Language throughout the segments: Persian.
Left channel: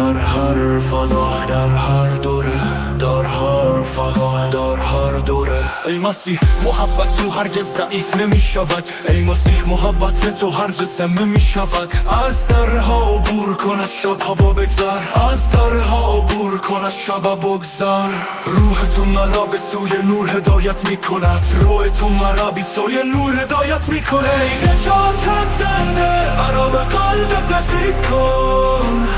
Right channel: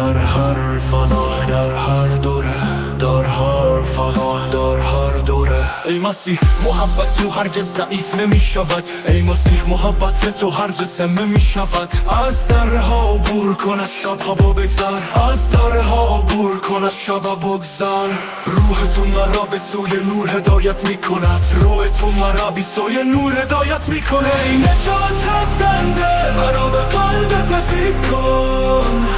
در هر فاز، در هر دوره، در هر فاز، در هر دوره. ای مسیح محبت تو هرگز ضعیف نمی شود، ای مسیح محبت تو هرگز کم نمی شود. از درها عبور کن، از شبها بگذر، از درها عبور کن، از شبها بگذر. روحتون مرا به سوی نور هدایت می کند، روحتون مرا به سوی نور هدایت می کند. ای نجات دهنده مرا به قلبت نزدیک کن،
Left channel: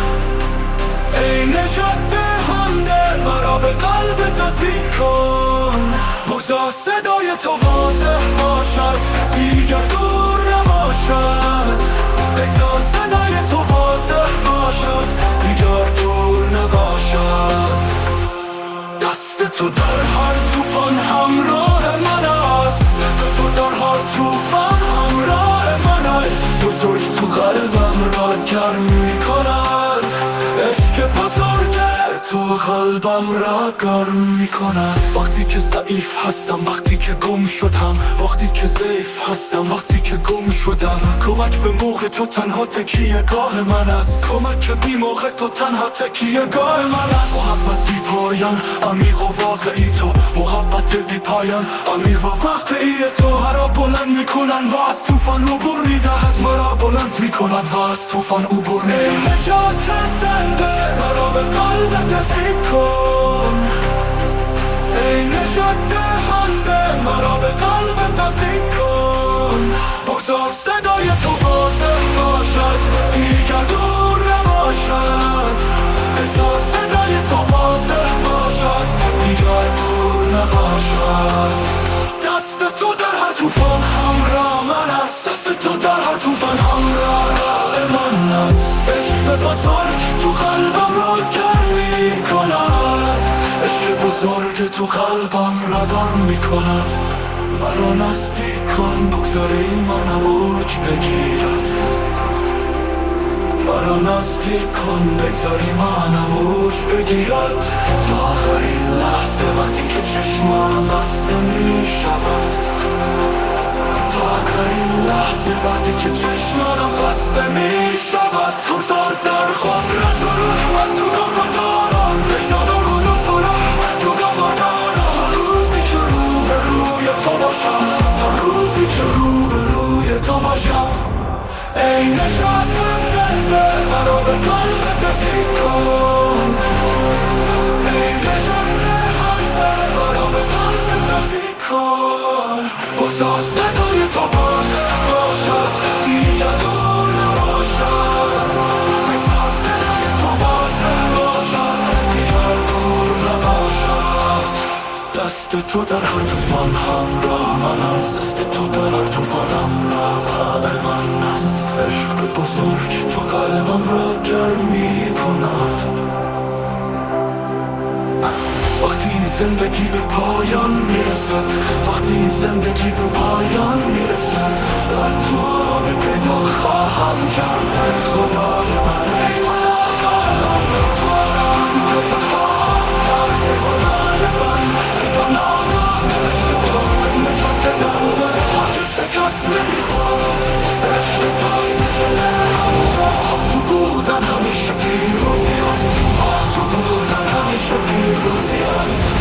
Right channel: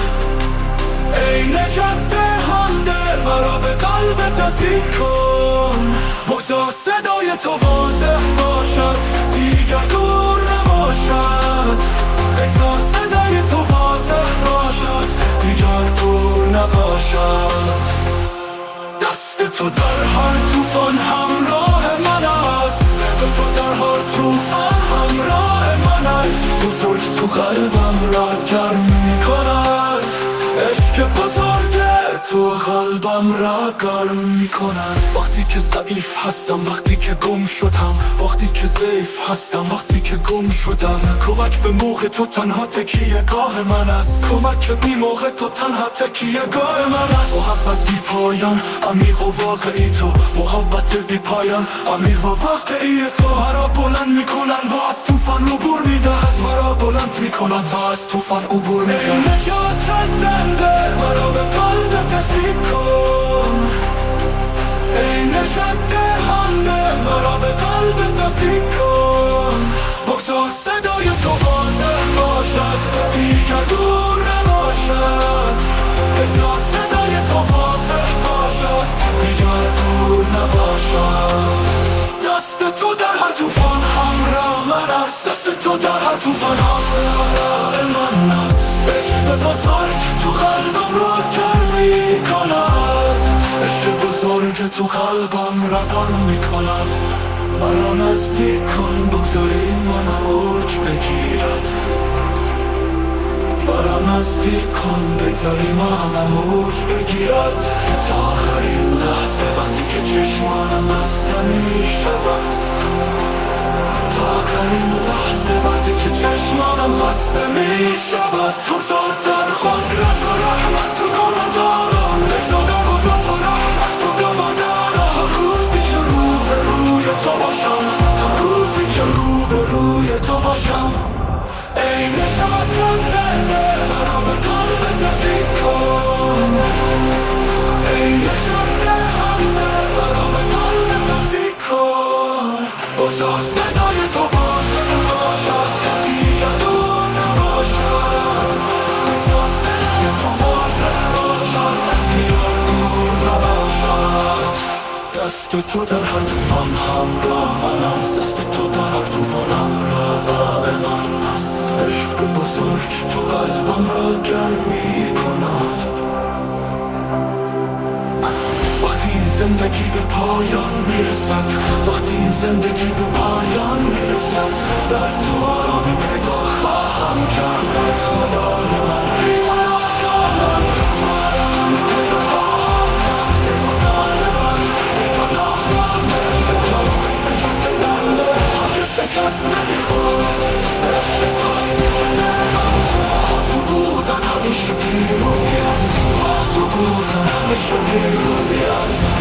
ای نجات دهنده مرا به قلبت نزدیک کن. بگذار صدای تو واضح باشد، دیگر دور نباشد. بگذار صدای تو واضح باشد، دیگر دور نباشد. دست تو در هر طوفان همراه من است، تو در هر طوفان همراه من است. بزرگ تو قلبم را گرم می کند، عشق بزرگ تو قلبم را گرم می کند. وقتی که ضعیف هستم، وقتی که گم شدم، وقتی که ضعیف هستم، وقتی که گم شدم. کمک به موقع تو تنها تکیه گاه من است، کمک بی موقع تو تنها تکیه گاه من است. محبت بی پایان، عمیق و واقعی تو، محبت بی پایان، عمیق و واقعی تو. مرا بلند می کنند و از طوفان عبور می دهد، مرا بلند می کنند و از طوفان عبور می دهد. ای نجات دهنده مرا به قلبت نزدیک کن، ای نجات دهنده مرا به قلبت نزدیک کن. بگذار صدای تو واضح باشد، دیگر دور نباشد. بگذار صدای تو واضح باشد، دیگر دور نباشد. دست تو در هر طوفان همراه من است، دست تو در هر طوفان همراه من است. عشق بزرگ تو قلبم را گرم می کند، عشق بزرگ تو قلبم را گرم می کند. مرا نزدیک کن، بگذار ایمانم اوج بگیرد. مرا نزدیک کن، بگذار ایمانم اوج بگیرد. تا آخرین لحظه وقتی که چشمانم بسته می شود، تا آخرین لحظه وقتی که چشمانم بسته می شود. بگذار در قدرت و رحمت تو گام دارم، بگذار در قدرت و رحمت تو گام دارم. تا روزی که روبروی تو باشم، تا روزی که روبروی تو باشم. ای نجات دهنده مرا به قلبت نزدیک کن، ای نجات دهنده مرا به قلبت نزدیک کن. بگذار صدای تو واضح باشد، دیگر دور نباشد. بگذار صدای تو واضح باشد، دیگر دور نباشد. دست تو در هر طوفان همراه من است، دست تو در هر طوفان همراه من است. عشق بزرگ تو قلبم را گرم می کند. وقتی این زندگی به پایان میرسد، وقتی این زندگی به پایان میرسد، در تو آرامی پیدا خواهم کرد. ای خدای من، ای پناهگاهم، تو آرامی پیدا خواهم کرد. ای خدای من، ای پناهگاهم، عشق تو ای نجات دهنده هرگز شکست نمیخورد. عشق توی نجات دهنده، با تو بودن همیشه پیروزی است، با تو بودن همیشه پیروزی است.